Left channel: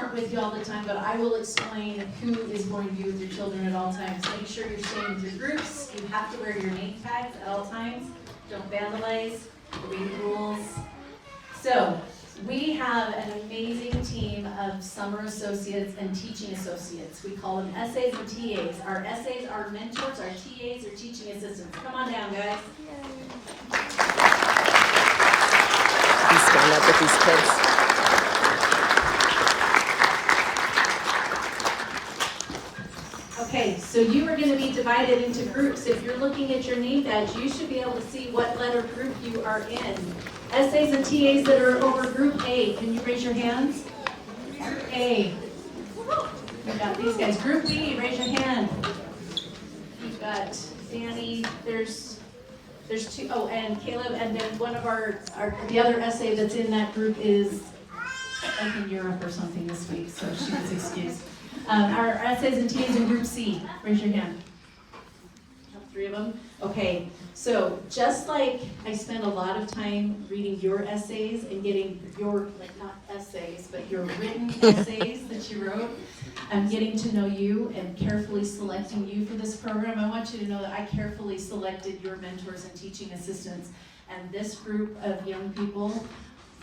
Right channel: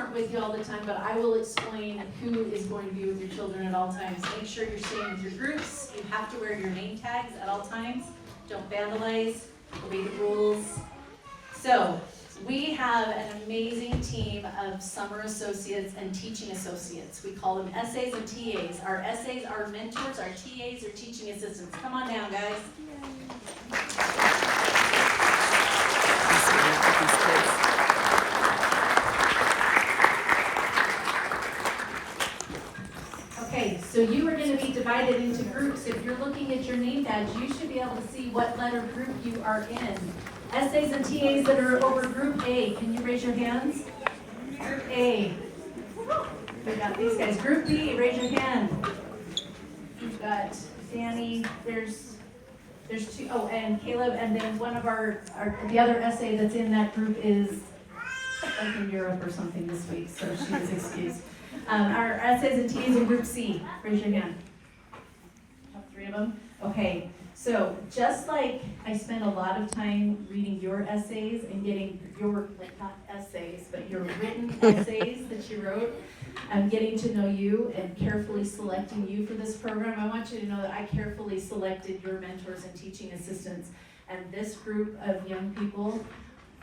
aren't with you all the time, but I will explain who is going to be with your children at all times. Make sure you're staying with your groups. You have to wear your name tags at all times. Don't vandalize, obey the rules. So, we have an amazing team of summer associates and teaching associates. We call them SAs and TAs. Our SAs are mentors, our TAs are teaching assistants. Come on down, guys. I'm staying up with these kids. Okay, so you are going to be divided into groups. If you're looking at your name badge, you should be able to see what letter group you are in. SAs and TAs that are over group A, can you raise your hands? Group A. We've got these guys. Group B, raise your hand. You've got Danny, there's two, oh, and Caleb, and then one of the other SA that's in that group is like in Europe or something this week, so she was excused. Our SAs and TAs in group C, raise your hand. Have 3 of them? Okay, so just like I spent a lot of time reading your essays and getting your, like not essays, but your written essays that you wrote, getting to know you and carefully selecting you for this program, I want you to know that I carefully selected your mentors and teaching assistants. And this group of young people,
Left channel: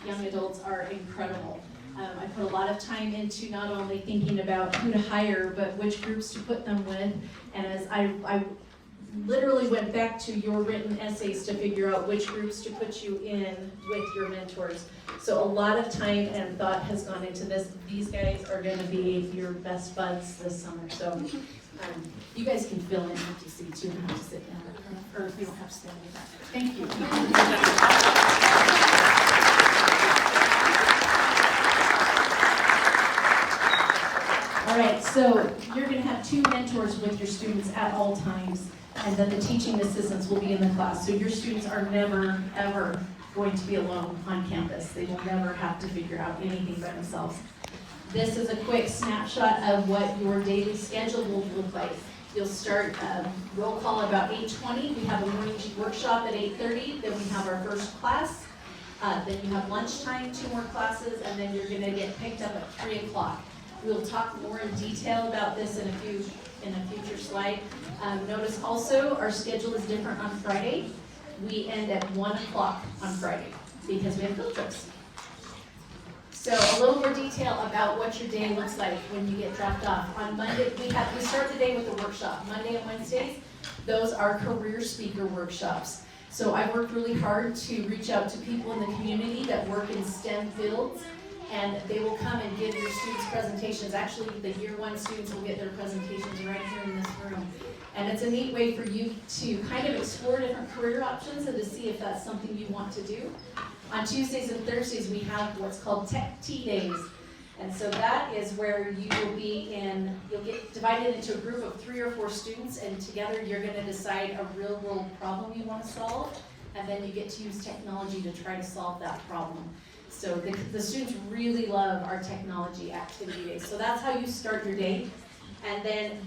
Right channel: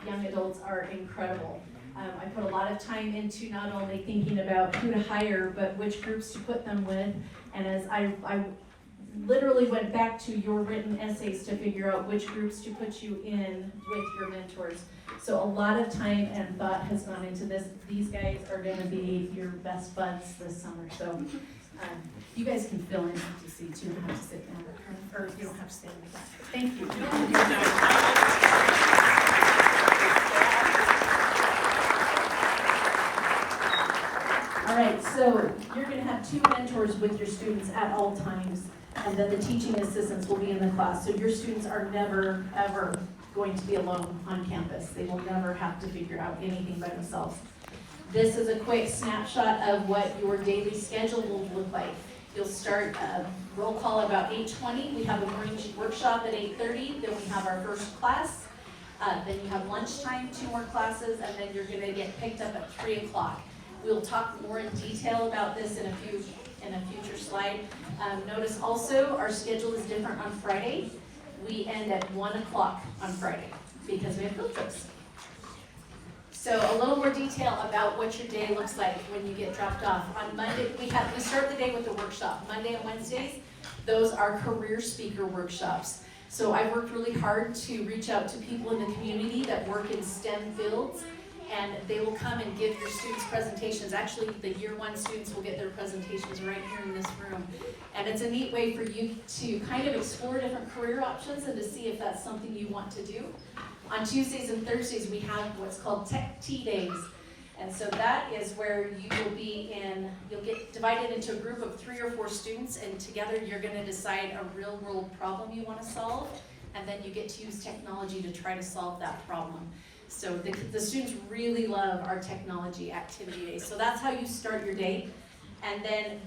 young adults, are incredible. I put a lot of time into not only thinking about who to hire, but which groups to put them with. And as I literally went back to your written essays to figure out which groups to put you in with your mentors. So a lot of time and thought has gone into this. These guys are going to be your best buds this summer. So you guys can fill in empty seats. You don't have to sit down, or you don't have to stand in the back. Thank you. All right, so you're going to have 2 mentors with your students at all times, and then the teaching assistants will be in the class. So your students are never, ever going to be alone on campus. They will never have to figure out anything by themselves. This is a quick snapshot of what your daily schedule will look like. You'll start roll call at about 8:20. We have a morning workshop at 8:30. Then we have our first class. Then you have lunchtime, 2 more classes, and then you're going to get picked up at 3 o'clock. We'll talk more in detail about this in a future slide. Notice also our schedule is different on Friday. We end at 1 o'clock on Friday because we have field trips. So a little more detail about what your day looks like when you get dropped off. On Monday, we start the day with the workshop. Monday and Wednesdays, those are career speaker workshops. So I worked really hard to reach out to people in the community that work in STEM fields, and they will come and give your students presentations. Actually, the year 1 students will get their presentations right here in this room. And it's a neat way for you to kind of explore different career options and to see if that's something you want to do. On Tuesdays and Thursdays, we have what's called Tech Tea Days. And so that is where you'll get divided into a group of 3 or 4 students, and together you're gonna decide a real world problem you wanna solve, and then you get to use technology to try to solve that problem. So the students really love our technology activity days. So that's how you start your day. And then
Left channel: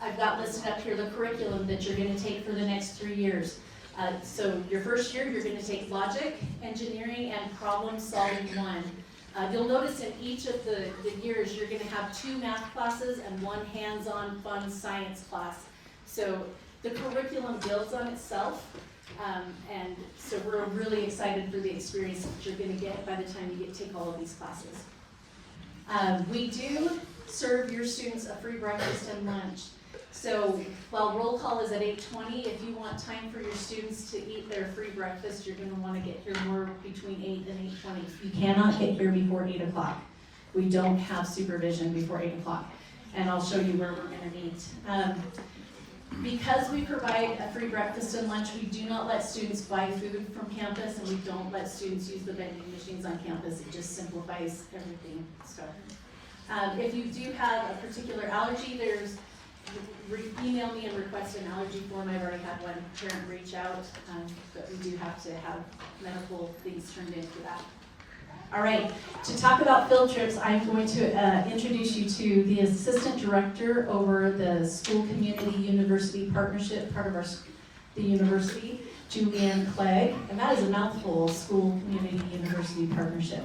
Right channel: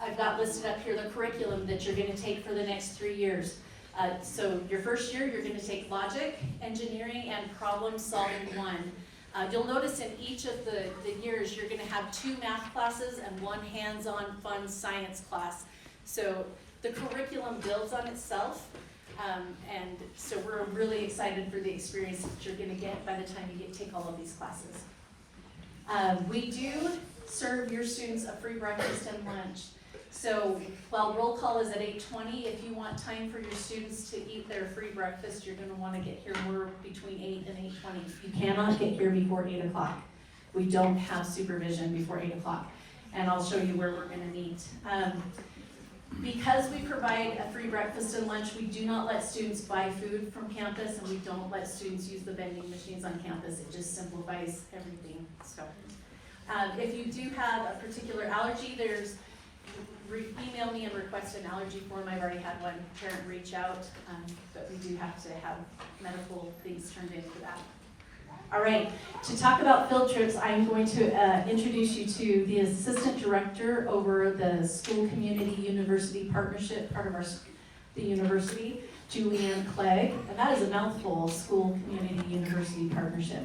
I've got listed up here the curriculum that you're gonna take for the next 3 years. So your first year, you're gonna take logic, engineering, and problem solving 1. You'll notice in each of the years, you're gonna have 2 math classes and 1 hands-on fun science class. So the curriculum builds on itself. And so we're really excited for the experience that you're going to get by the time you take all of these classes. We do serve your students a free breakfast and lunch. So while roll call is at 8:20, if you want time for your students to eat their free breakfast, you're going to want to get here more between 8 and 8:20. You cannot get here before 8 o'clock. We don't have supervision before 8 o'clock. And I'll show you where we're going to meet. Because we provide a free breakfast and lunch, we do not let students buy food from campus, and we don't let students use the vending machines on campus. It just simplifies everything. So, if you do have a particular allergy, email me and request an allergy form. I've already had one parent reach out, but we do have to have medical things turned in for that. All right, to talk about field trips, I'm going to introduce you to the assistant director over the School Community University Partnership, part of the university, Julianne Clegg, and that is a mouthful, School Community University Partnership.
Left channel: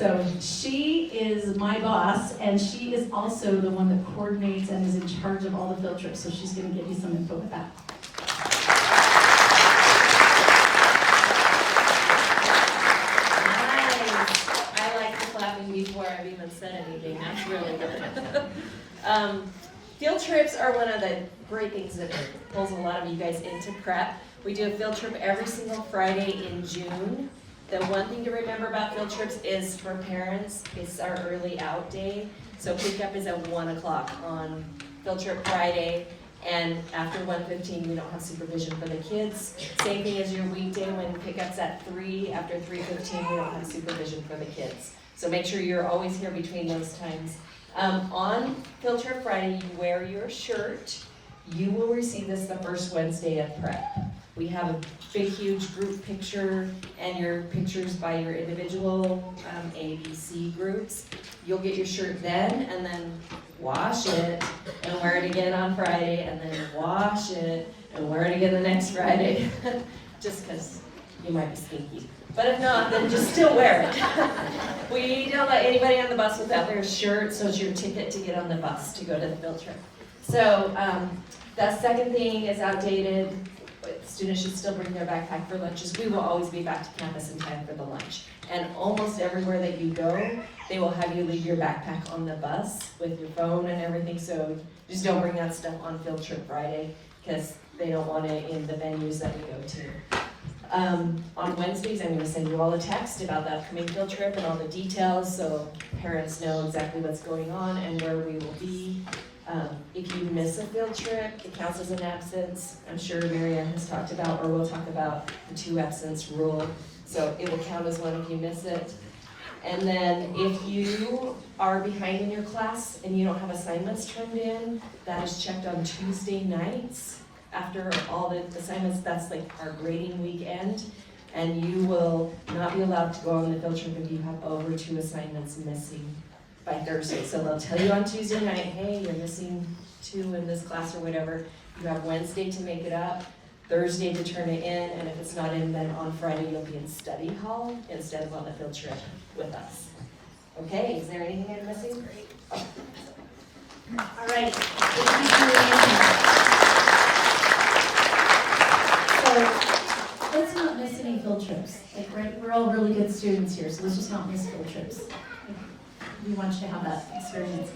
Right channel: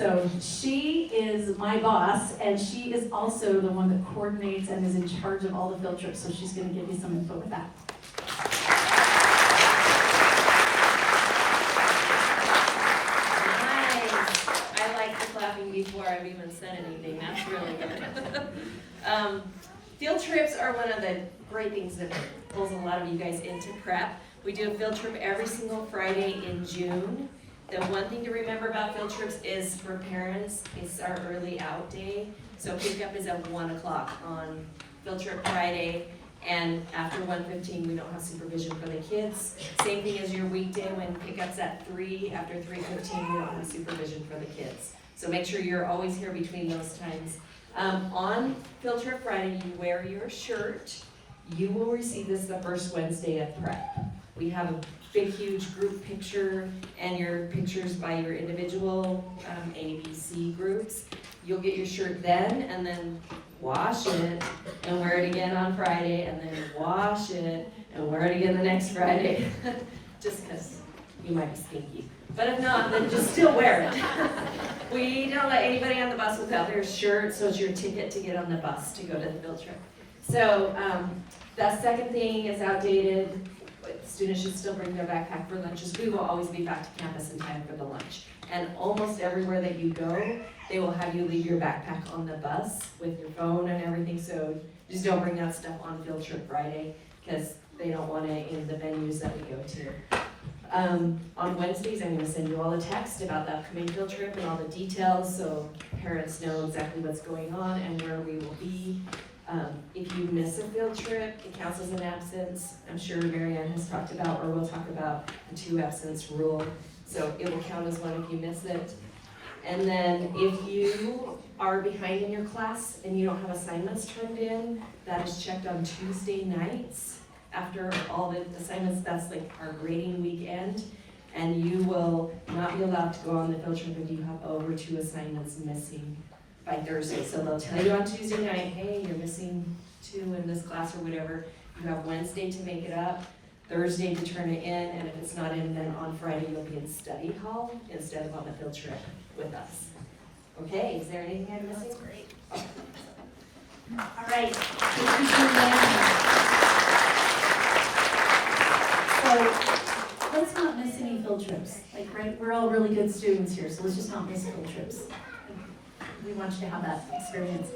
So she is my boss, and she is also the one that coordinates and is in charge of all the field trips, so she's gonna give you some info with that. Nice. I like the clapping before I've even said anything. That's really good. Field trips are one of the great things that pulls a lot of you guys into prep. We do a field trip every single Friday in June. The one thing to remember about field trips is for parents, it's our early out day. So pickup is at 1 o'clock on field trip Friday, and after 1:15 we don't have supervision for the kids. Same thing as your weekday when pickup's at 3, after 3:15 we don't have supervision for the kids. So make sure you're always here between those times. On field trip Friday, you wear your shirt. You will receive this the first Wednesday of prep. We have a big, huge group picture and your pictures by your individual A, B, C groups. You'll get your shirt then, and then wash it and wear it again on Friday, and then wash it and wear it again the next Friday. Just because you might be stinky. But if not, then just still wear it. We don't let anybody on the bus without their shirt, so it's your ticket to get on the bus to go to the field trip. So that second thing is outdated. But students should still bring their backpack for lunches. We will always be back to campus in time for the lunch. And almost everywhere that you go, they will have you leave your backpack on the bus with your phone and everything. So just don't bring that stuff on field trip Friday, because they don't want it in the venues that we go to. On Wednesdays, I'm going to send you all a text about the upcoming field trip and all the details, so parents know exactly what's going on and where we will be. If you miss a field trip, it counts as an absence. I'm sure Marianne has talked about, or will talk about, the 2 absence rule. So it will count as one if you miss it. And then if you are behind in your class and you don't have assignments turned in, that is checked on Tuesday nights. After all the assignments, that's like our grading weekend. And you will not be allowed to go on the field trip if you have over 2 assignments missing by Thursday. So they'll tell you on Tuesday night, hey, you're missing 2 in this class or whatever. You have Wednesday to make it up, Thursday to turn it in, and if it's not in, then on Friday you'll be in study hall instead of on the field trip with us. Okay, is there anything I'm missing? Great. Oh. All right, thank you, Julianne. So let's not miss any field trips. Like, right, we're all really good students here, so let's just not miss field trips. We want you to have that experience.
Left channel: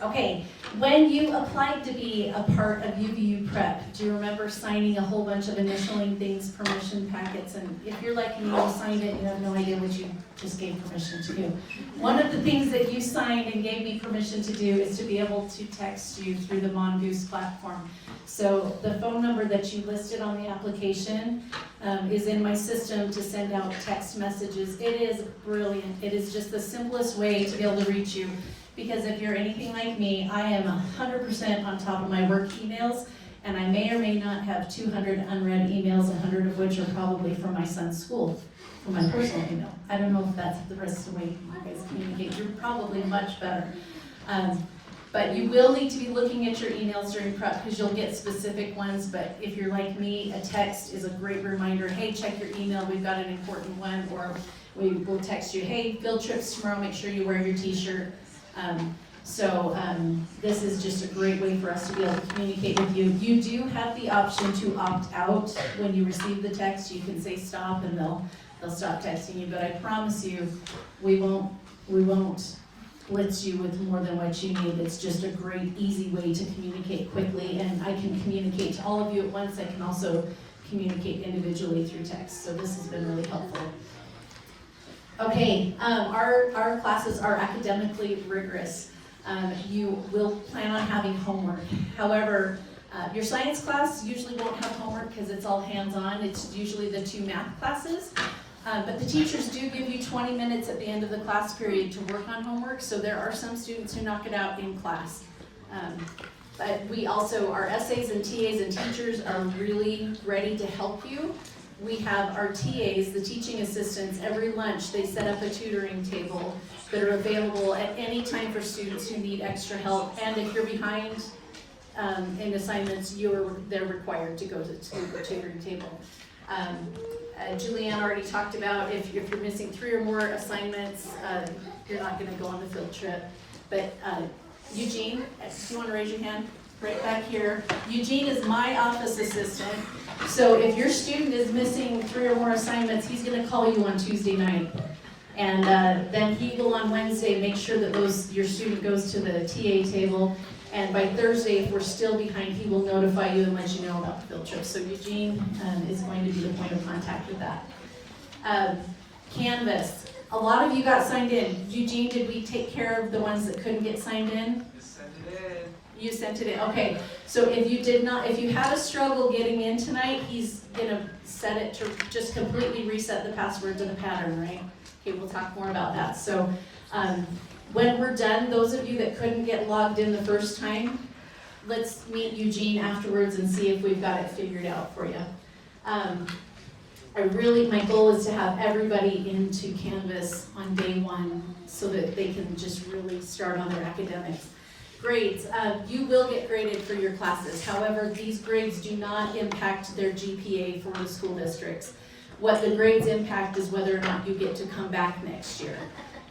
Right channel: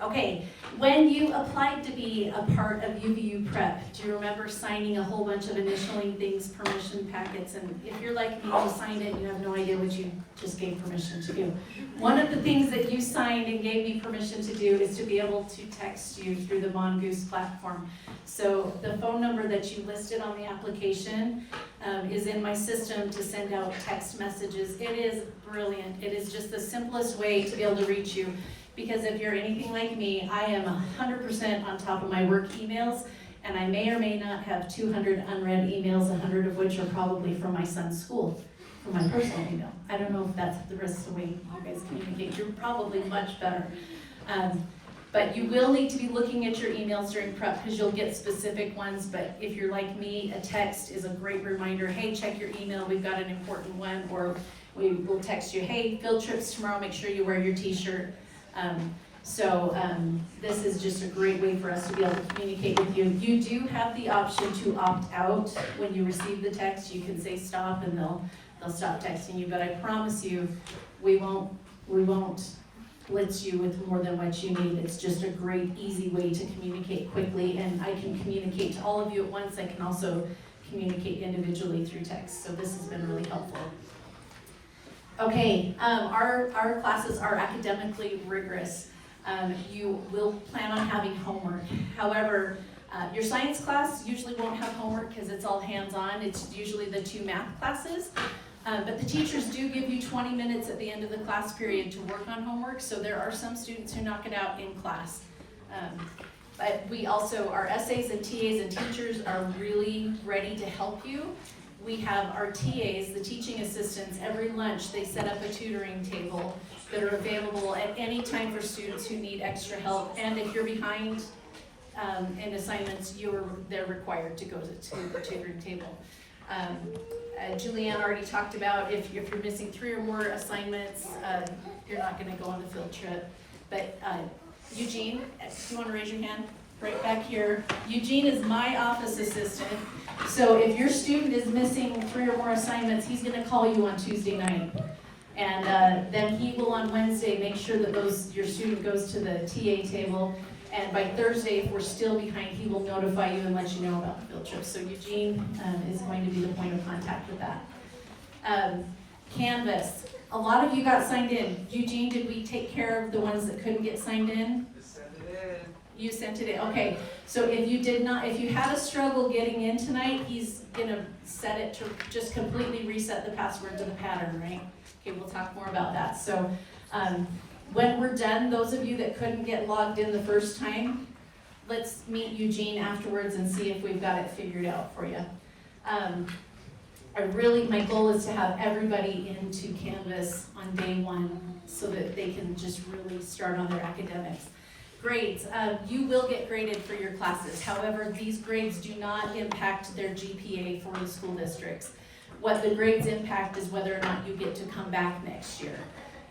Okay, when you applied to be a part of UVU Prep, do you remember signing a whole bunch of initialing things, permission packets, and if you're like me, you signed it, you have no idea what you just gave permission to do. One of the things that you signed and gave me permission to do is to be able to text you through the Mongoose platform. So the phone number that you listed on the application is in my system to send out text messages. It is brilliant. It is just the simplest way to be able to reach you. Because if you're anything like me, I am 100% on top of my work emails, and I may or may not have 200 unread emails, 100 of which are probably from my son's school, from my personal email. I don't know if that's the rest of the way you guys communicate. You're probably much better. But you will need to be looking at your emails during prep because you'll get specific ones. But if you're like me, a text is a great reminder. Hey, check your email. We've got an important one. Or we will text you, hey, field trips tomorrow. Make sure you wear your t-shirt. This is just a great way for us to be able to communicate with you. You do have the option to opt out when you receive the text. You can say stop and they'll stop texting you. But I promise you, we won't blitz you with more than what you need. It's just a great, easy way to communicate quickly, and I can communicate to all of you at once. I can also communicate individually through text, so this has been really helpful. Okay, our classes are academically rigorous. You will plan on having homework. However, your science class usually won't have homework because it's all hands-on. It's usually the 2 math classes. But the teachers do give you 20 minutes at the end of the class period to work on homework, so there are some students who knock it out in class. But we also, our essays and TAs and teachers are really ready to help you. We have our TAs, the teaching assistants, every lunch they set up a tutoring table that are available at any time for students who need extra help. And if you're behind in assignments, they're required to go to the tutoring table. Julianne already talked about if you're missing 3 or more assignments, you're not gonna go on the field trip. But Eugene, if you wanna raise your hand, right back here. Eugene is my office assistant. So if your student is missing 3 or more assignments, he's gonna call you on Tuesday night. And then he will on Wednesday make sure that your student goes to the TA table. And by Thursday, if we're still behind, he will notify you and let you know about the field trip. So Eugene is going to be the point of contact with that. Canvas. A lot of you got signed in. Eugene, did we take care of the ones that couldn't get signed in? You sent it in, okay. So if you had a struggle getting in tonight, he's gonna set it to just completely reset the password to the pattern, right? Okay, we'll talk more about that. So when we're done, those of you that couldn't get logged in the first time, let's meet Eugene afterwards and see if we've got it figured out for you. My goal is to have everybody into Canvas on day 1 so that they can just really start on their academics. Grades, you will get graded for your classes. However, these grades do not impact their GPA for the school districts. What the grades impact is whether or not you get to come back next year.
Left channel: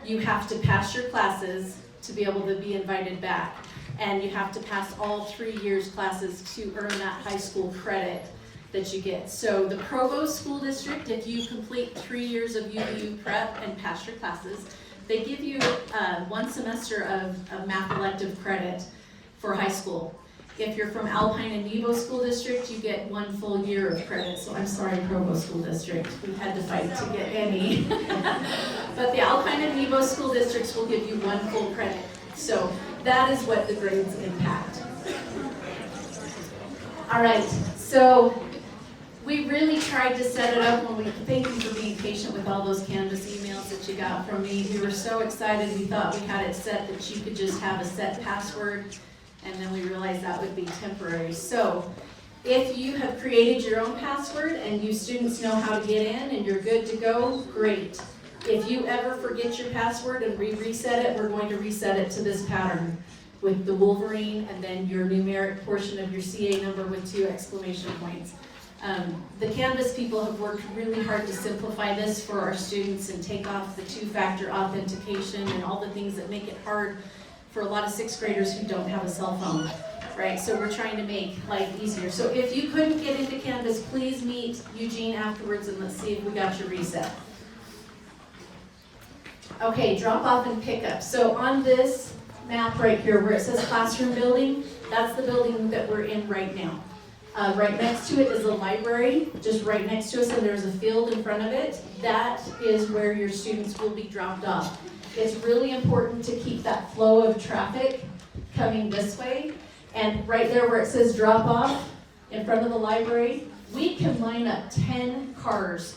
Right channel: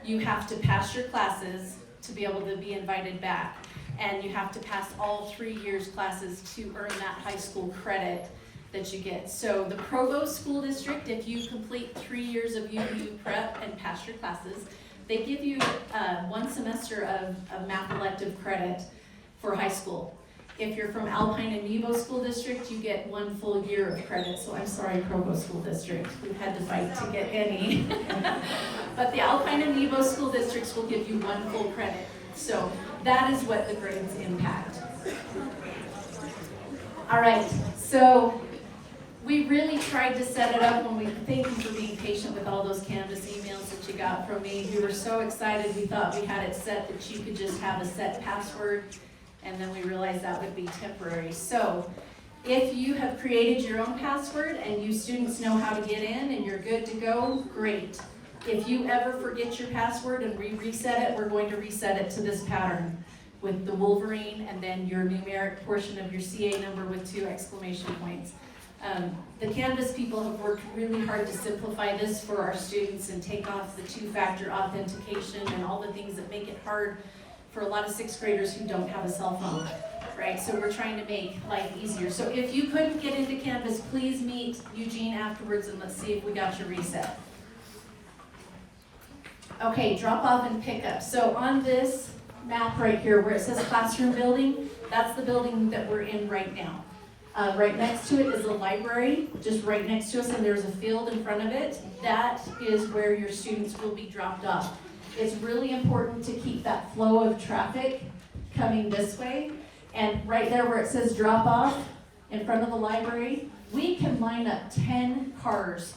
You have to pass your classes to be able to be invited back. And you have to pass all 3 years classes to earn that high school credit that you get. So the Provost School District, if you complete 3 years of UVU prep and pass your classes, they give you 1 semester of math elective credit for high school. If you're from Alpine and Nebo School District, you get 1 full year of credit. So I'm sorry, Provo School District, we've had to fight to get any. But the Alpine and Nebo School Districts will give you 1 full credit. So that is what the grades impact. All right, so we really tried to set it up thank you for being patient with all those Canvas emails that you got from me. We were so excited, we thought we had it set that you could just have a set password, and then we realized that would be temporary. So if you have created your own password and you students know how to get in and you're good to go, great. If you ever forget your password and we reset it, we're going to reset it to this pattern with the Wolverine and then your numeric portion of your CA number with 2 exclamation points. The Canvas people have worked really hard to simplify this for our students and take off the 2-factor authentication and all the things that make it hard for a lot of 6th graders who don't have a cell phone, right? So we're trying to make life easier. So if you couldn't get into Canvas, please meet Eugene afterwards and let's see if we got your reset. Okay, drop off and pick up. So on this map right here where it says classroom building, that's the building that we're in right now. Right next to it is a library, just right next to us, and there's a field in front of it. That is where your students will be dropped off. It's really important to keep that flow of traffic coming this way. And right there where it says drop off in front of the library, we can line up 10 cars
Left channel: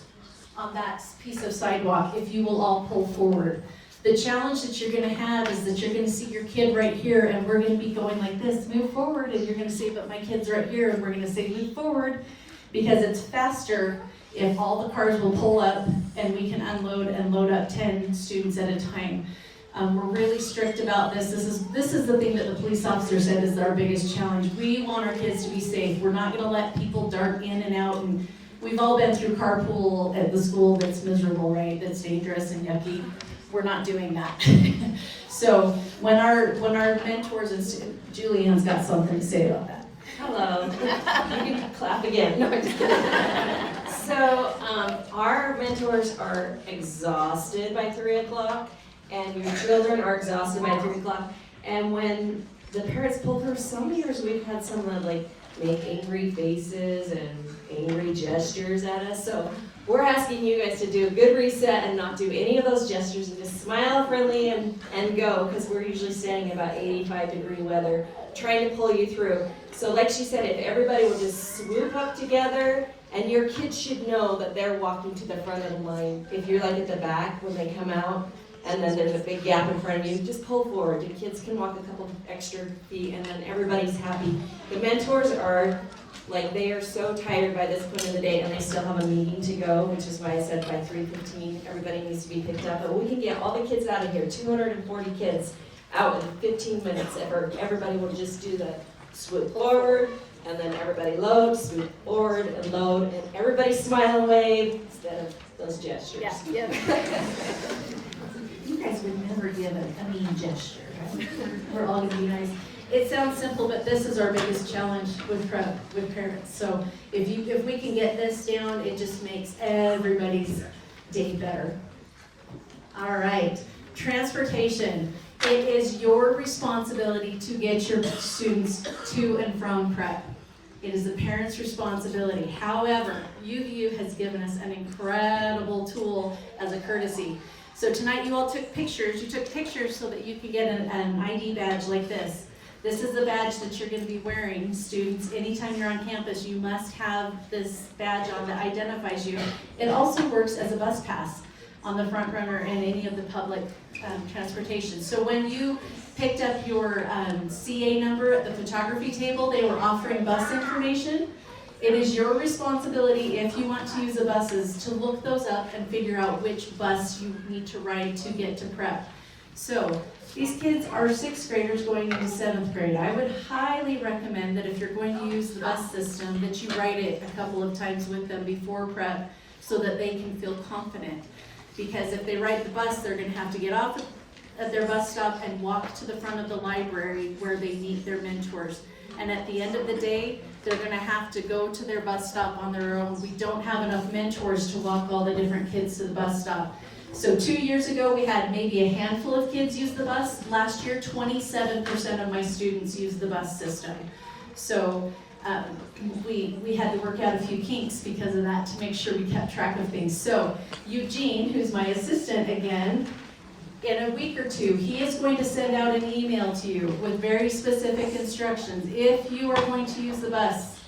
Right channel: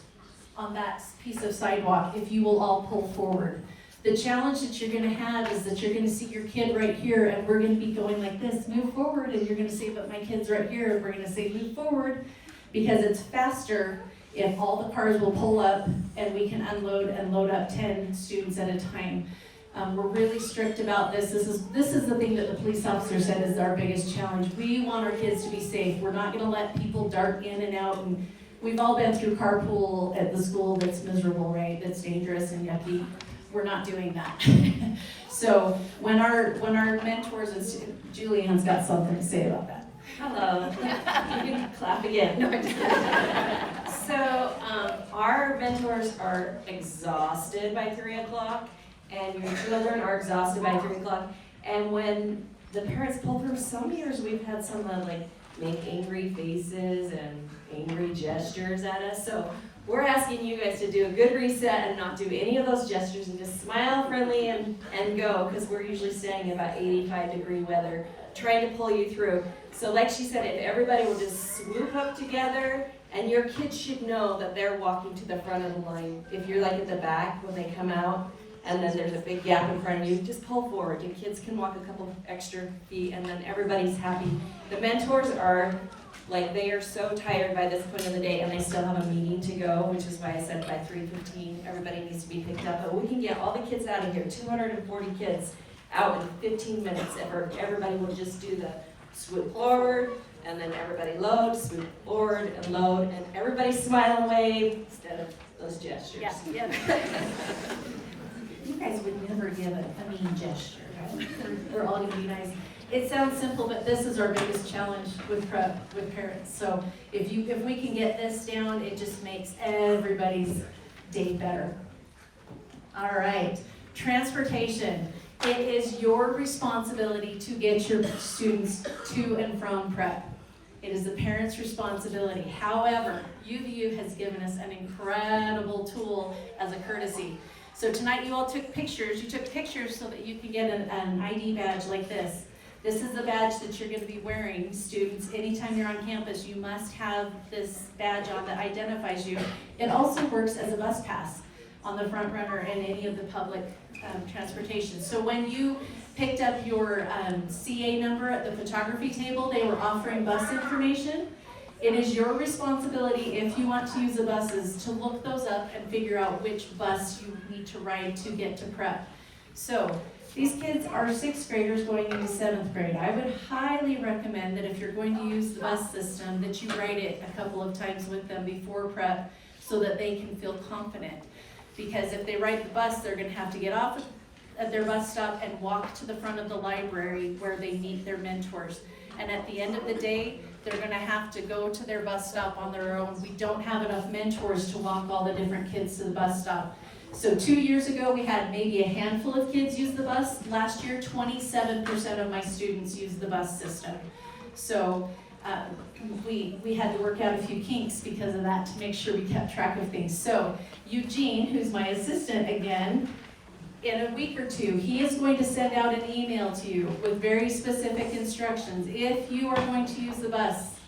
on that piece of sidewalk if you will all pull forward. The challenge that you're going to have is that you're going to see your kid right here and we're going to be going like this, move forward, and you're going to say, but my kid's right here, and we're going to say move forward, because it's faster if all the cars will pull up and we can unload and load up 10 students at a time. We're really strict about this. This is the thing that the police officer said is our biggest challenge. We want our kids to be safe. We're not going to let people dart in and out, and we've all been through carpool at the school that's miserable, right? That's dangerous and yucky. We're not doing that. So when our mentors, and Julianne's got something to say about that. Hello. You can clap again. No, I'm just kidding. So our mentors are exhausted by 3 o'clock, and your children are exhausted by 3 o'clock. And when the parents pull through, some years we've had someone like make angry faces and angry gestures at us. So we're asking you guys to do a good reset and not do any of those gestures and just smile friendly and go, because we're usually standing in about 85-degree weather trying to pull you through. So like she said, if everybody will just swoop up together, and your kids should know that they're walking to the front of the line. If you're like at the back when they come out, and then there's a big gap in front of you, just pull forward. Your kids can walk a couple extra feet, and then everybody's happy. The mentors are, like, they are so tired by this point of the day, and they still have a meeting to go, which is why I said by 3:15, everybody needs to be picked up. But we can get all the kids out of here, 240 kids, out in 15 minutes, if everybody will just do the swoop forward, and then everybody load, swoop forward, and load, and everybody smile and wave instead of those gestures. Yeah. You guys would never give a mean gesture. We're all gonna be nice. It sounds simple, but this is our biggest challenge with prep with parents. So if we can get this down, it just makes everybody's day better. All right, transportation. It is your responsibility to get your students to and from prep. It is the parents' responsibility. However, UVU has given us an incredible tool as a courtesy. So tonight you all took pictures. You took pictures so that you can get an ID badge like this. This is the badge that you're going to be wearing, students. Anytime you're on campus, you must have this badge on that identifies you. It also works as a bus pass on the front runner and any of the public transportation. So when you picked up your CA number at the photography table, they were offering bus information. It is your responsibility, if you want to use the buses, to look those up and figure out which bus you need to ride to get to prep. So these kids are 6th graders going into 7th grade. I would highly recommend that if you're going to use the bus system, that you ride it a couple of times with them before prep so that they can feel confident. Because if they ride the bus, they're going to have to get off at their bus stop and walk to the front of the library where they meet their mentors. And at the end of the day, they're going to have to go to their bus stop on their own. We don't have enough mentors to walk all the different kids to the bus stop. So 2 years ago, we had maybe a handful of kids use the bus. Last year, 27% of my students used the bus system. So we had to work out a few kinks because of that to make sure we kept track of things. So Eugene, who's my assistant again, in a week or two, he is going to send out an email to you with very specific instructions. If you are going to use the bus,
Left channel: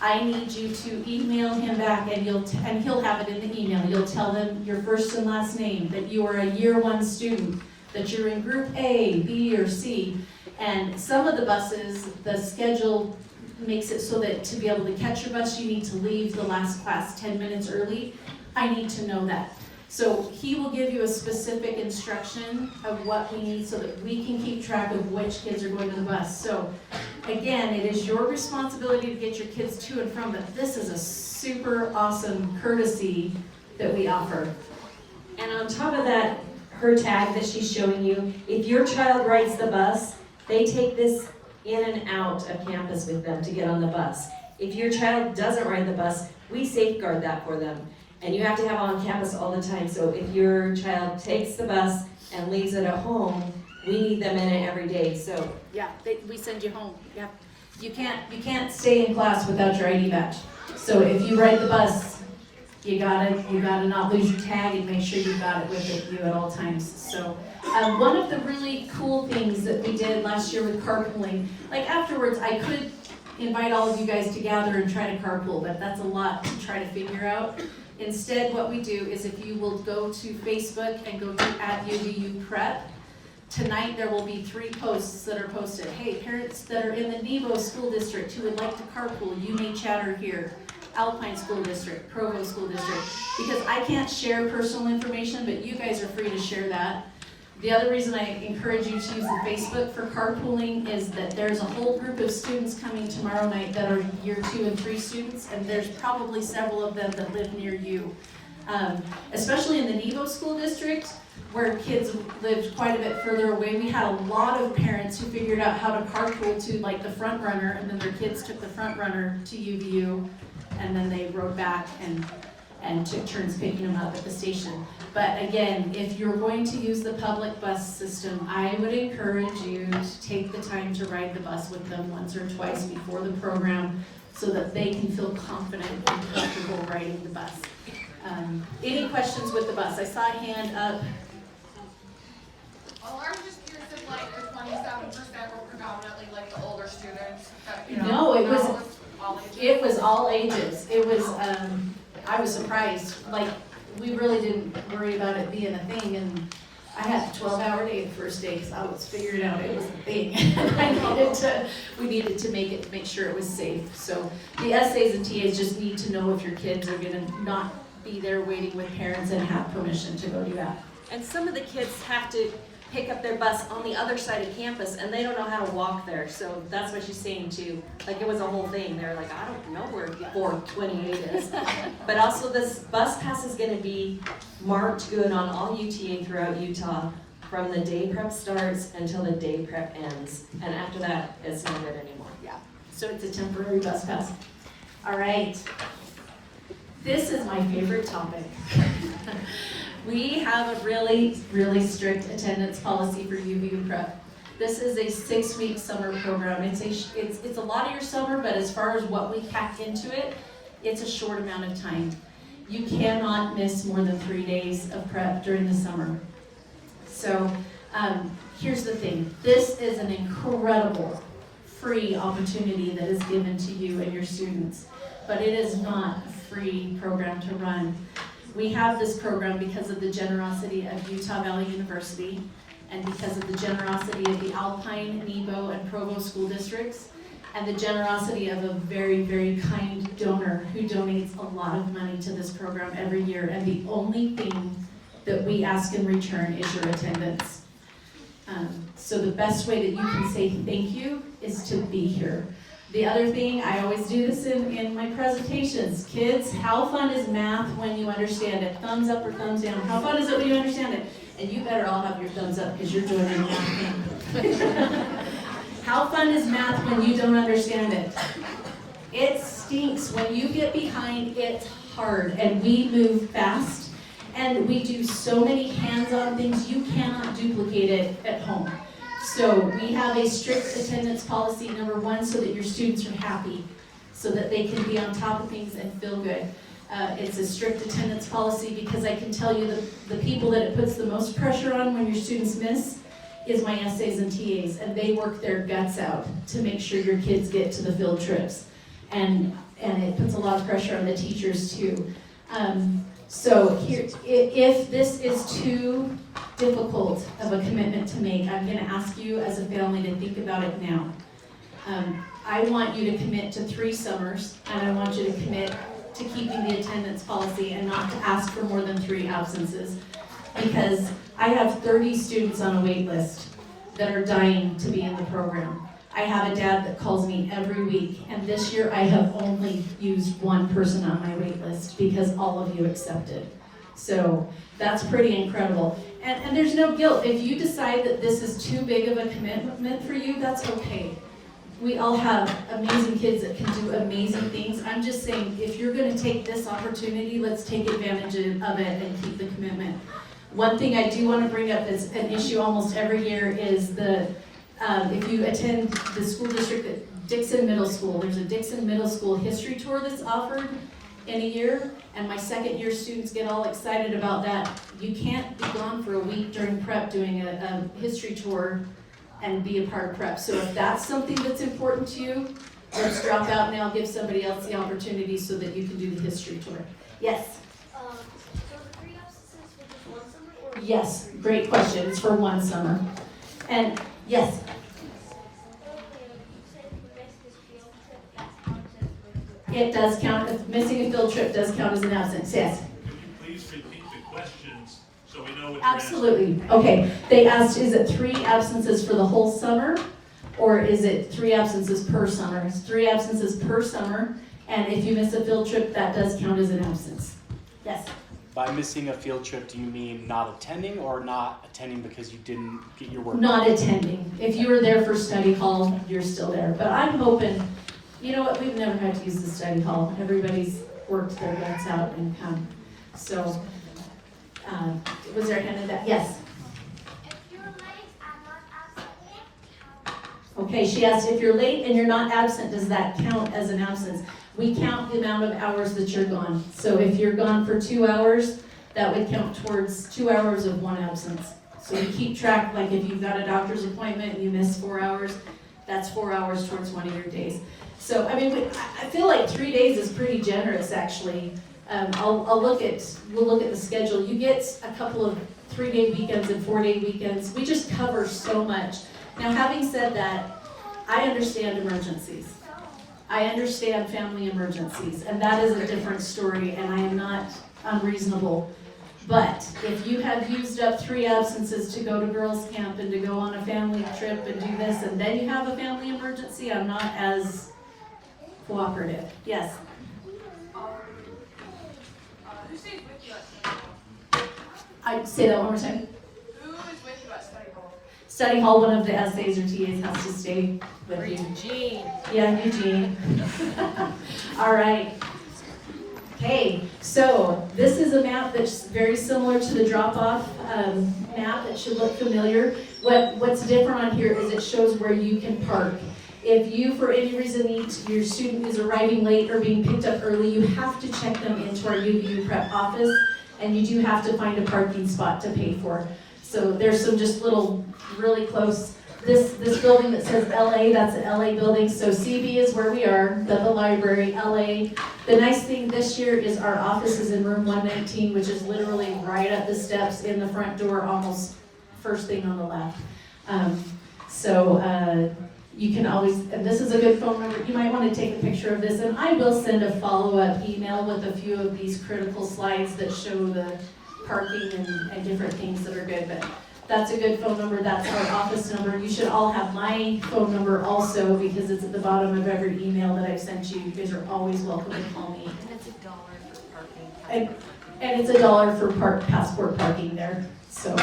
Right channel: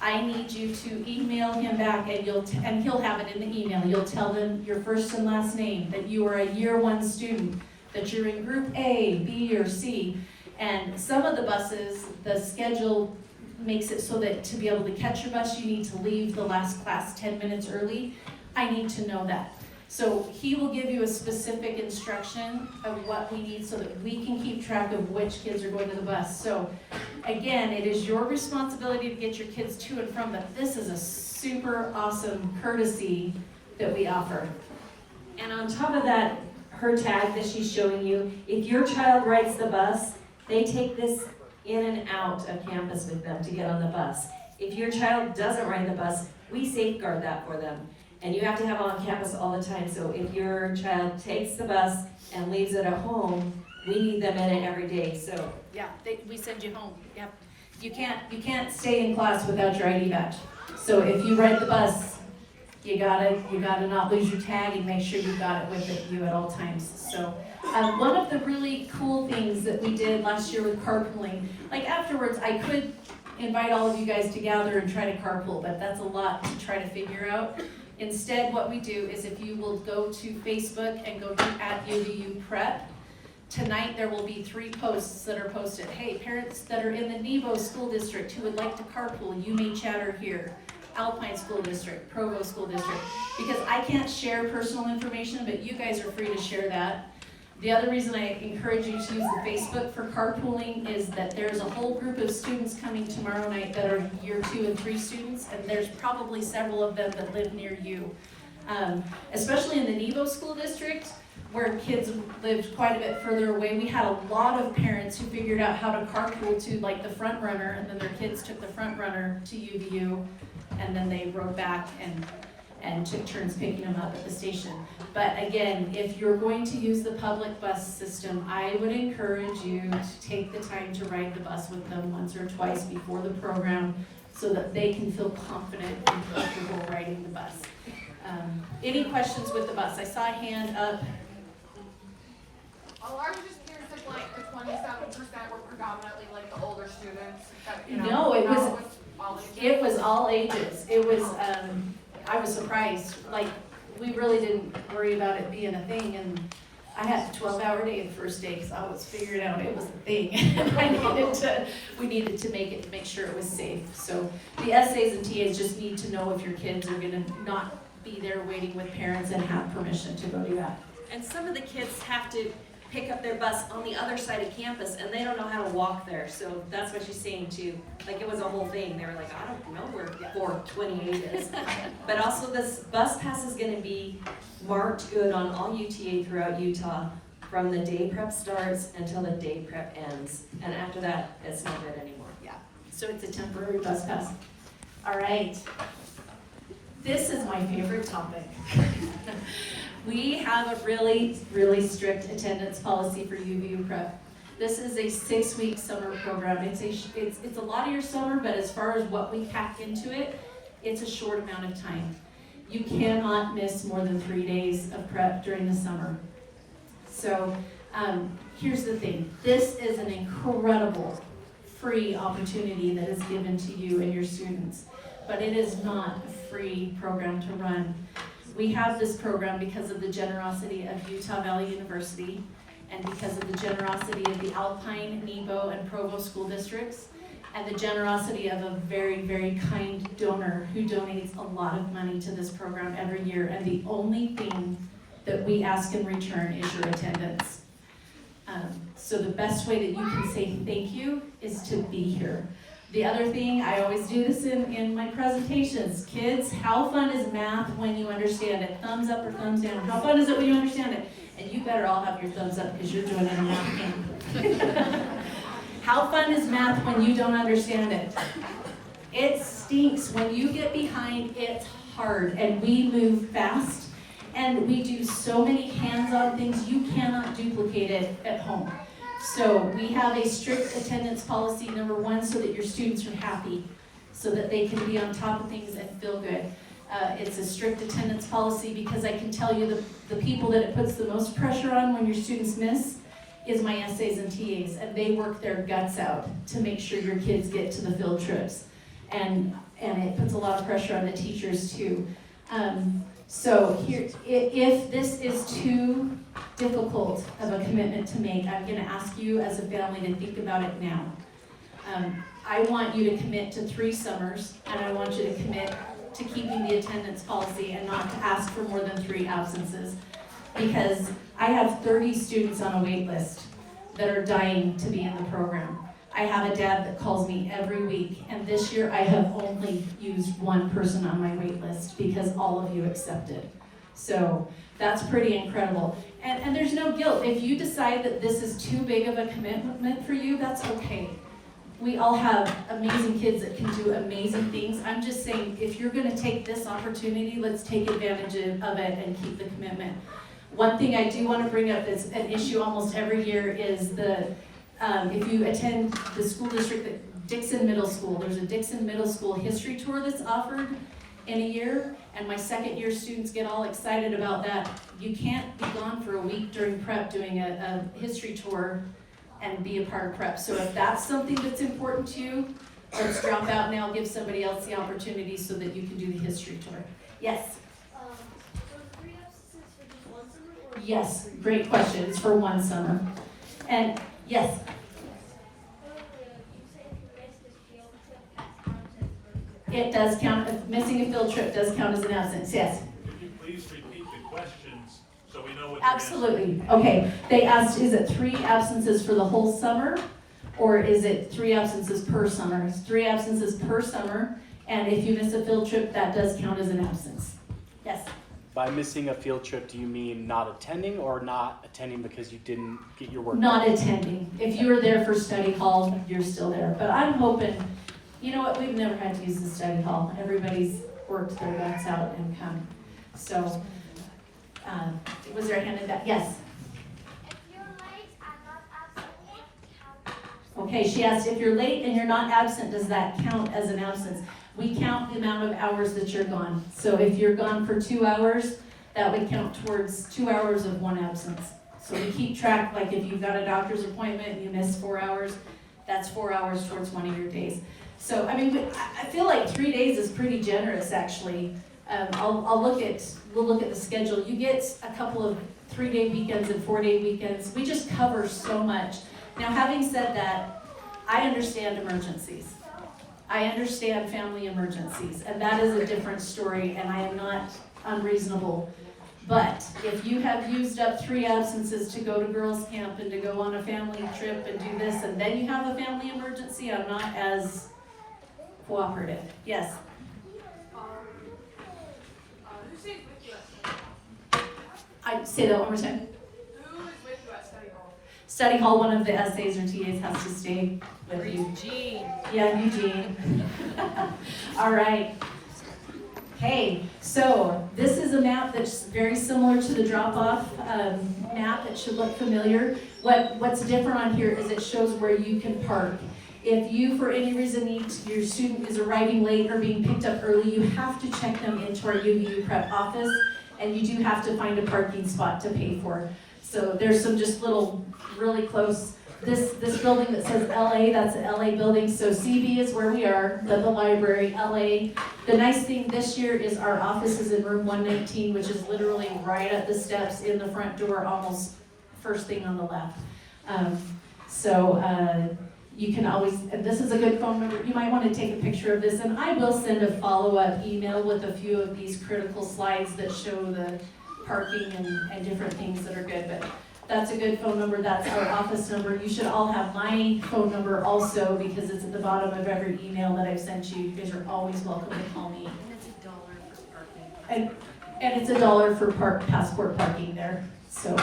I need you to email him back, and he'll have it in the email. You'll tell him your first and last name, that you are a year 1 student, that you're in group A, B, or C. And some of the buses, the schedule makes it so that to be able to catch your bus, you need to leave the last class 10 minutes early. I need to know that. So he will give you a specific instruction of what we need so that we can keep track of which kids are going to the bus. So again, it is your responsibility to get your kids to and from, but this is a super awesome courtesy that we offer. And on top of that, her tag that she's showing you, if your child rides the bus, they take this in and out of campus with them to get on the bus. If your child doesn't ride the bus, we safeguard that for them. And you have to have it on campus all the time. So if your child takes the bus and leaves it at home, we need them in it every day. So yeah, we send you home. Yeah, you can't stay in class without your ID badge. So if you ride the bus, you gotta not lose your tag and make sure you've got it with you at all times. So one of the really cool things that we did last year with carpooling, like afterwards, I could invite all of you guys to gather and try to carpool, but that's a lot to try to figure out. Instead, what we do is if you will go to Facebook and go to @UVU Prep, tonight there will be 3 posts that are posted. Hey, parents that are in the Nebo School District who would like to carpool, you may chatter here. Alpine School District, Provo School District, because I can't share personal information, but you guys are free to share that. The other reason I encourage you to use the Facebook for carpooling is that there's a whole group of students coming tomorrow night that are year 2 and 3 students, and there's probably several of them that live near you. Especially in the Nebo School District, where kids lived quite a bit further away, we had a lot of parents who figured out how to carpool to like the front runner, and then their kids took the front runner to UVU, and then they rode back and took turns picking them up at the station. But again, if you're going to use the public bus system, I would encourage you to take the time to ride the bus with them once or twice before the program so that they can feel confident and comfortable riding the bus. Any questions with the bus? I saw a hand up. Well, I was just curious if like the 27% were predominantly like the older students that, you No, it was all ages. It was all ages. It was, I was surprised. Like, we really didn't worry about it being a thing, and I had a 12-hour day the first day because I was figuring out it was a thing. And we needed to make sure it was safe. So the SAs and TAs just need to know if your kids are gonna not be there waiting with parents and have permission to go do that. And some of the kids have to pick up their bus on the other side of campus and they don't know how to walk there. So that's what she's saying too. Like it was a whole thing. They were like, I don't know where 428 is. But also this bus pass is gonna be marked good on all UTA throughout Utah from the day prep starts until the day prep ends. And after that, it's not good anymore. Yeah, so it's a temporary bus pass. All right. This is my favorite topic. We have a really, really strict attendance policy for UVU prep. This is a 6-week summer program. It's a lot of your summer, but as far as what we pack into it, it's a short amount of time. You cannot miss more than 3 days of prep during the summer. So here's the thing. This is an incredible free opportunity that is given to you and your students, but it is not a free program to run. We have this program because of the generosity of Utah Valley University and because of the generosity of the Alpine, Nebo, and Provo school districts and the generosity of a very, very kind donor who donates a lot of money to this program every year. And the only thing that we ask in return is your attendance. So the best way that you can say thank you is to be here. The other thing, I always do this in my presentations. Kids, how fun is math when you understand it? Thumbs up or thumbs down? How fun is it when you understand it? And you better all have your thumbs up because you're joining the math camp. How fun is math when you don't understand it? It stinks. When you get behind, it's hard. And we move fast. And we do so many hands-on things, you cannot duplicate it at home. So we have a strict attendance policy, number one, so that your students are happy, so that they can be on top of things and feel good. It's a strict attendance policy because I can tell you the people that it puts the most pressure on when your students miss is my SAs and TAs, and they work their guts out to make sure your kids get to the field trips. And it puts a lot of pressure on the teachers too. So here, if this is too difficult of a commitment to make, I'm going to ask you as a family to think about it now. I want you to commit to 3 summers, and I want you to commit to keeping the attendance policy and not to ask for more than 3 absences. Because I have 30 students on a wait list that are dying to be in the program. I have a dad that calls me every week, and this year I have only used 1 person on my wait list because all of you accepted. So that's pretty incredible. And there's no guilt. If you decide that this is too big of a commitment for you, that's okay. We all have amazing kids that can do amazing things. I'm just saying, if you're going to take this opportunity, let's take advantage of it and keep the commitment. One thing I do want to bring up is an issue almost every year is if you attend the school district at Dixon Middle School, there's a Dixon Middle School history tour that's offered in a year, and my second year students get all excited about that. You can't be gone for a week during prep doing a history tour and be a part of prep. So if that's something that's important to you, let's drop out and I'll give somebody else the opportunity so that you can do the history tour. Yes? Yes, great question. It's for 1 summer. And yes? It does count, missing a field trip does count as an absence, yes. Would you please repeat the questions so we know what you're Absolutely. Okay, they asked, is it 3 absences for the whole summer, or is it 3 absences per summer? It's 3 absences per summer, and if you miss a field trip, that does count as an absence. Yes? By missing a field trip, do you mean not attending or not attending because you didn't get your work? Not attending. If you were there for study hall, you're still there. But I'm hoping, you know what, we've never had to use the study hall. Everybody's worked their guts out and come. So, was there a hand in that? Yes? If you're late and not absent, Okay, she asked, if you're late and you're not absent, does that count as an absence? We count the amount of hours that you're gone. So if you're gone for 2 hours, that would count towards 2 hours of 1 absence. So we keep track, like if you've got a doctor's appointment and you miss 4 hours, that's 4 hours towards 1 of your days. So, I mean, I feel like 3 days is pretty generous, actually. We'll look at the schedule. You get a couple of 3-day weekends and 4-day weekends. We just cover so much. Now, having said that, I understand emergencies. I understand family emergencies, and that is a different story, and I am not unreasonable. But if you have used up 3 absences to go to girls' camp and to go on a family trip and do this, and then you have a family emergency, I'm not as cooperative. Yes? Who stays with you at study hall? I say that one more time. Who is with you at study hall? Study hall, one of the essays or TAs has to stay with you. Eugene. Yeah, Eugene. All right. Okay, so this is a map that's very similar to the drop-off map. It should look familiar. What's different on here is it shows where you can park. If you, for any reason, your student is arriving late or being picked up early, you have to check them into our UVU prep office, and you do have to find a parking spot to pay for. So there's some just little, really close. This building that says LA, that's an LA building, so CB is where we are, the library, LA. The nice thing this year is our office is in room 119, which is literally right at the steps in the front door, almost first thing on the left. You can always, and this is a good phone number, you might want to take a picture of this, and I will send a follow-up email with a few of these critical slides that show the parking and different things that are good, but that's a good phone number, that's our office number. You should all have my phone number also, because it's at the bottom of every email that I've sent you. You guys are always welcome to call me. And it's $1 for parking. And it's $1 for passport parking there, so.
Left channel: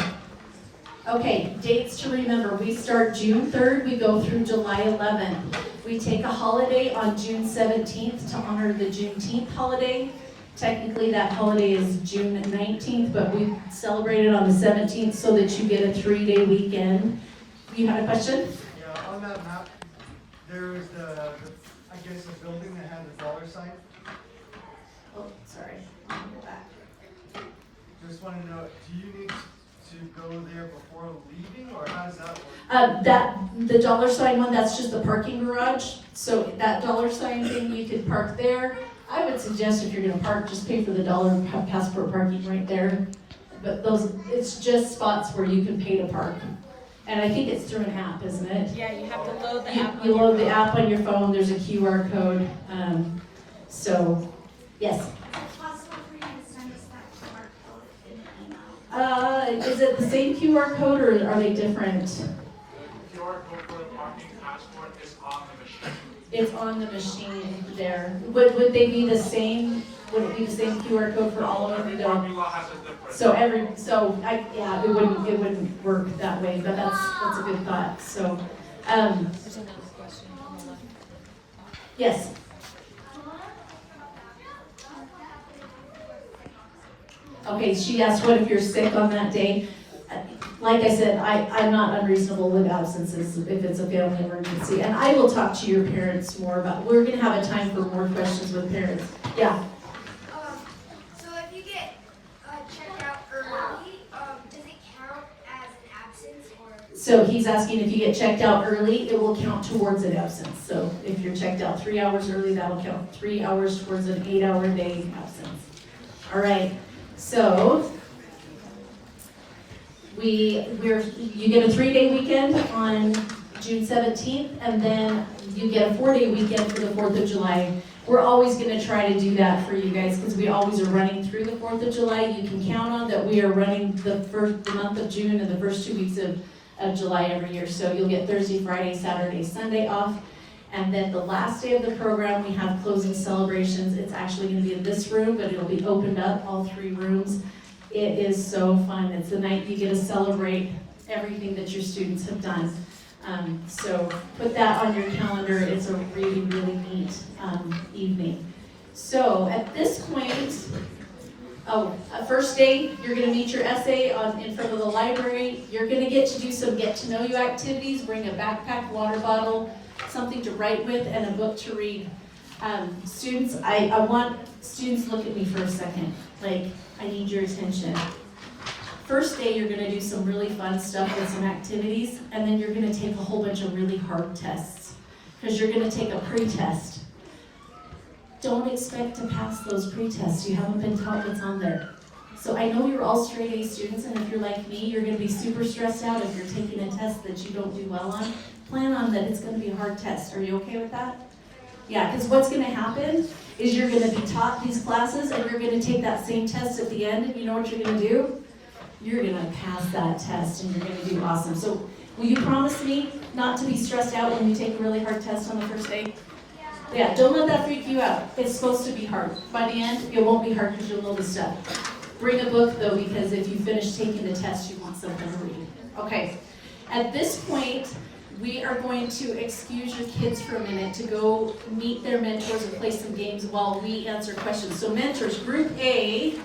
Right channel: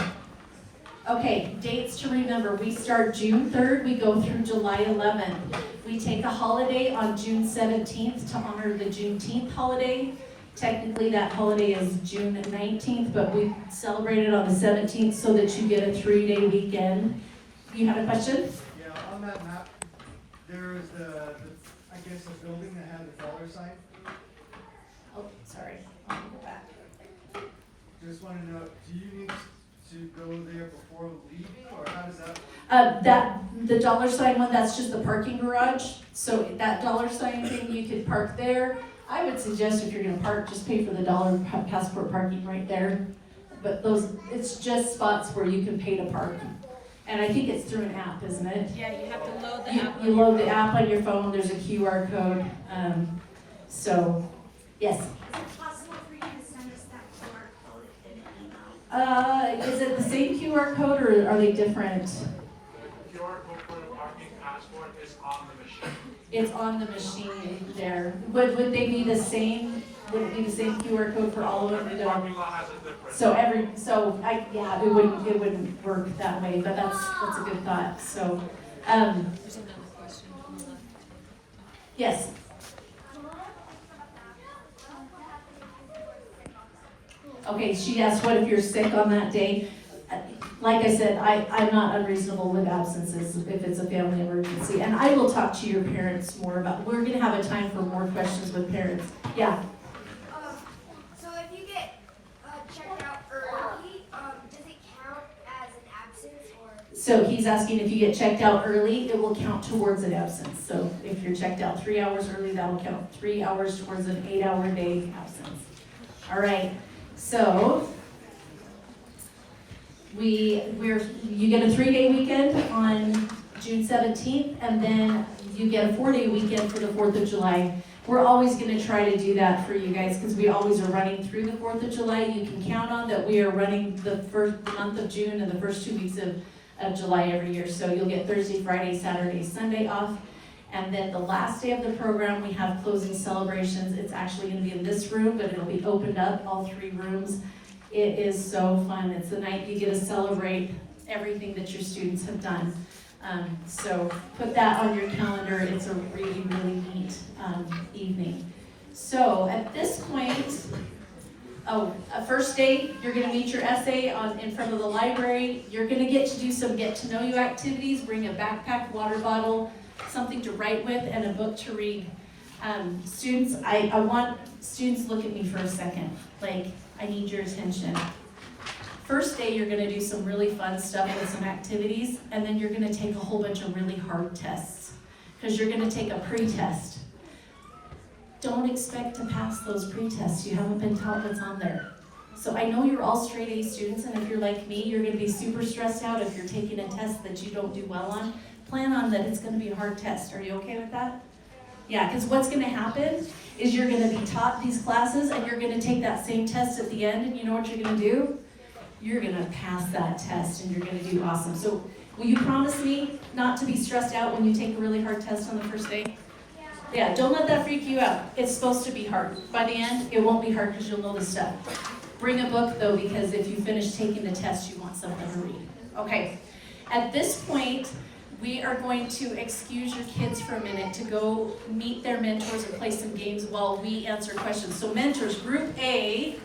Okay, dates to remember. We start June 3rd, we go through July 11th. We take a holiday on June 17th to honor the Juneteenth holiday. Technically, that holiday is June 19th, but we celebrate it on the 17th so that you get a 3-day weekend. You have a question? Yeah, on that map, there's I guess, the building that has a dollar sign. Oh, sorry, I'll go back. Just want to know, do you need to go there before leaving, or how does that work? The dollar sign one, that's just the parking garage. So that dollar sign thing, you can park there. I would suggest if you're gonna park, just pay for the $1 passport parking right there. But it's just spots where you can pay to park. And I think it's through an app, isn't it? Yeah, you have to load the You, app. you load the app on your phone, there's a QR code. Yes. Is it possible for you to send us that QR code in email? Is it the same QR code or are they different? QR code for the parking passport is on the machine. It's on the machine there. Would they be the same? Would it be the same QR code for all of them? Every No. parking lot has a different. It wouldn't work that way, but that's a good thought, so. There's another question. Hold on. Yes. Okay, she asked, what if you're sick on that day? Like I said, I'm not unreasonable with absences if it's a family emergency. And I will talk to your parents more about, we're gonna have a time for more questions with parents. Yeah, So if you get checked out early, does it count as an absence or? so he's asking if you get checked out early, it will count towards an absence. So if you're checked out 3 hours early, that'll count 3 hours towards an 8-hour day absence. All right, so you get a 3-day weekend on June 17th, and then you get a 4-day weekend for the 4th of July. We're always gonna try to do that for you guys, because we always are running through the 4th of July. You can count on that we are running the month of June and the first 2 weeks of July every year. So you'll get Thursday, Friday, Saturday, Sunday off. And then the last day of the program, we have closing celebrations. It's actually gonna be in this room, but it'll be opened up, all 3 rooms. It is so fun. It's the night you get to celebrate everything that your students have done. So put that on your calendar. It's a really, really neat evening. So at this point, first day, you're gonna meet your essay in front of the library. You're gonna get to do some get to know you activities. Bring a backpack, water bottle, something to write with, and a book to read. Students, I want students to look at me for a second. Like, I need your attention. First day, you're gonna do some really fun stuff with some activities, and then you're gonna take a whole bunch of really hard tests, because you're gonna take a pre-test. Don't expect to pass those pre-tests. You haven't been taught what's on there. So I know you're all straight A students, and if you're like me, you're gonna be super stressed out if you're taking a test that you don't do well on. Plan on that it's gonna be a hard test. Are you okay with that? Yeah, because what's gonna happen is you're gonna be taught these classes and you're gonna take that same test at the end, and you know what you're gonna do? You're gonna pass that test and you're gonna do awesome. So will you promise me not to be stressed out when you take a really hard test on the first day? Yeah, don't let that freak you out. It's supposed to be hard. By the end, it won't be hard because you'll know the stuff. Bring a book though, because if you finish taking the test, you want something to read. Okay, at this point, we are going to excuse your kids for a minute to go meet their mentors and play some games while we answer questions. So mentors, group A,